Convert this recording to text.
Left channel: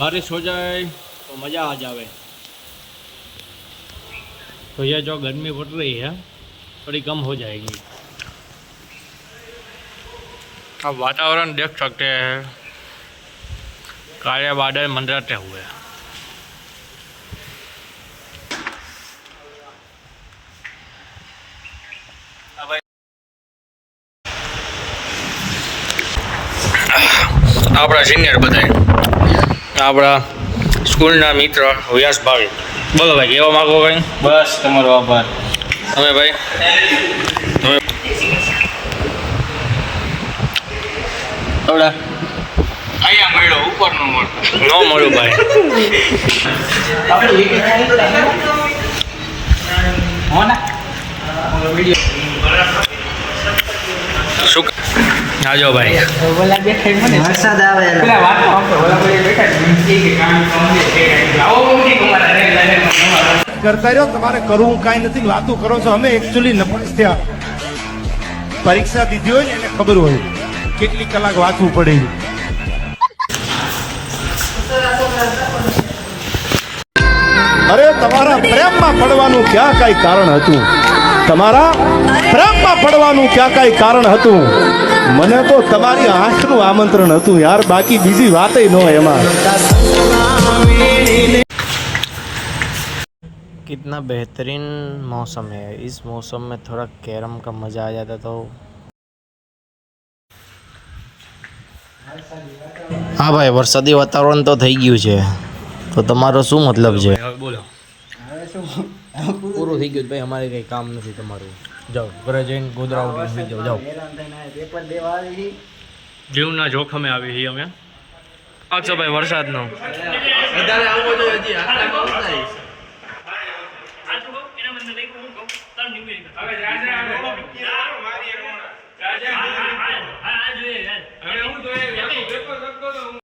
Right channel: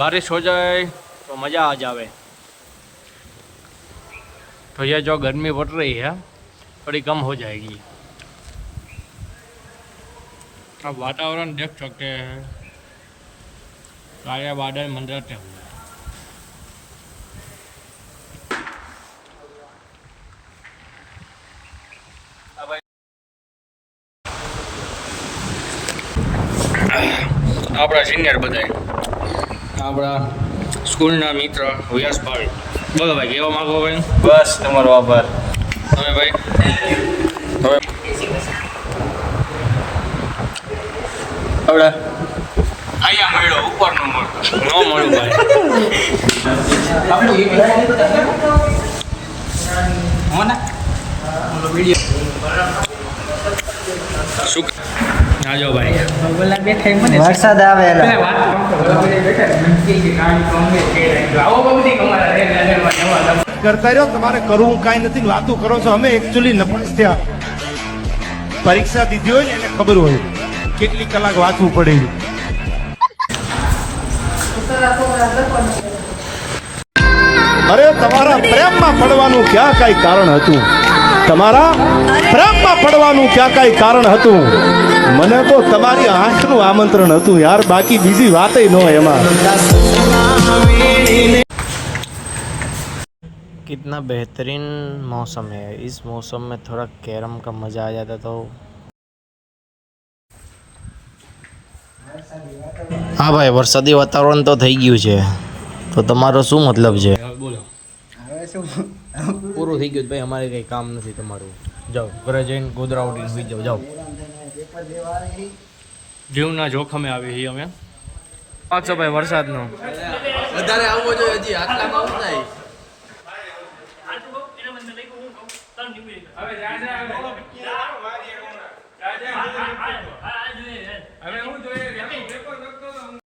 बारिश हो जाए तो मज़ा आ जावे। तो ये जो गर्मी बढ़ रही है थोड़ी कम हो जाएगी। अब वातावरण देख सकते हैं, काले बादल मंडराते हुए। આપણા સિનિયર બધાય, આપણા સ્કૂલના મિત્ર વ્યાસ ભાઈ, બોલો ભાઈ, કહેવા માગો કંઈ? બસ તમારો આભાર. તમે ભાઈ તમે આવડા અહીંયા મળ્યો, ઉપર નો મળ્યો, ન મળ્યું ભાઈ. શું આજો ભાઈ, વરસાદ આવે કરતા રહ્યો. તમારે કરવું કાંઈ નથી, વાતો કરો છો. અમે એકચ્યુઅલી નપાસ થયા. પરીક્ષા દીધી હોય ને એને ખબર હોય કેટલી કલાક વાંચવું પડે. અરે તમારા પ્રેમમાં પડવાનું ક્યાં કઈ કારણ હતું? તમારા પ્રેમમાં પડવાનું ક્યાં કઈ કારણ હતું? મને તો તમારી આંખનું આમંત્રણ હતું યાર, બાકી બીજી વાતય ન હોય એમાં. कितना बेहतरीन मौसम है। इस मौसम में थोड़ा कैरम का मज़ा आ जाता तो। हाँ भाई, वरसादी वातावरण तो થઈ ગયું છે, તો તમારો શું મતલબ છે? બોલો. પૂરું થઈ ગયું ભાઈ, અમારે કંઈ કામ નથી તમારું. જાઓ ઘરે જઈને ગોદરા ઉડીને સુઈ જાઓ. જાઓ, જીવના જોખમે આવી છીએ અમે. પાકશો ભાઈ વરસાદનો. વધારે આવવો જોઈએ, હજી આટલામાં આવું થાય.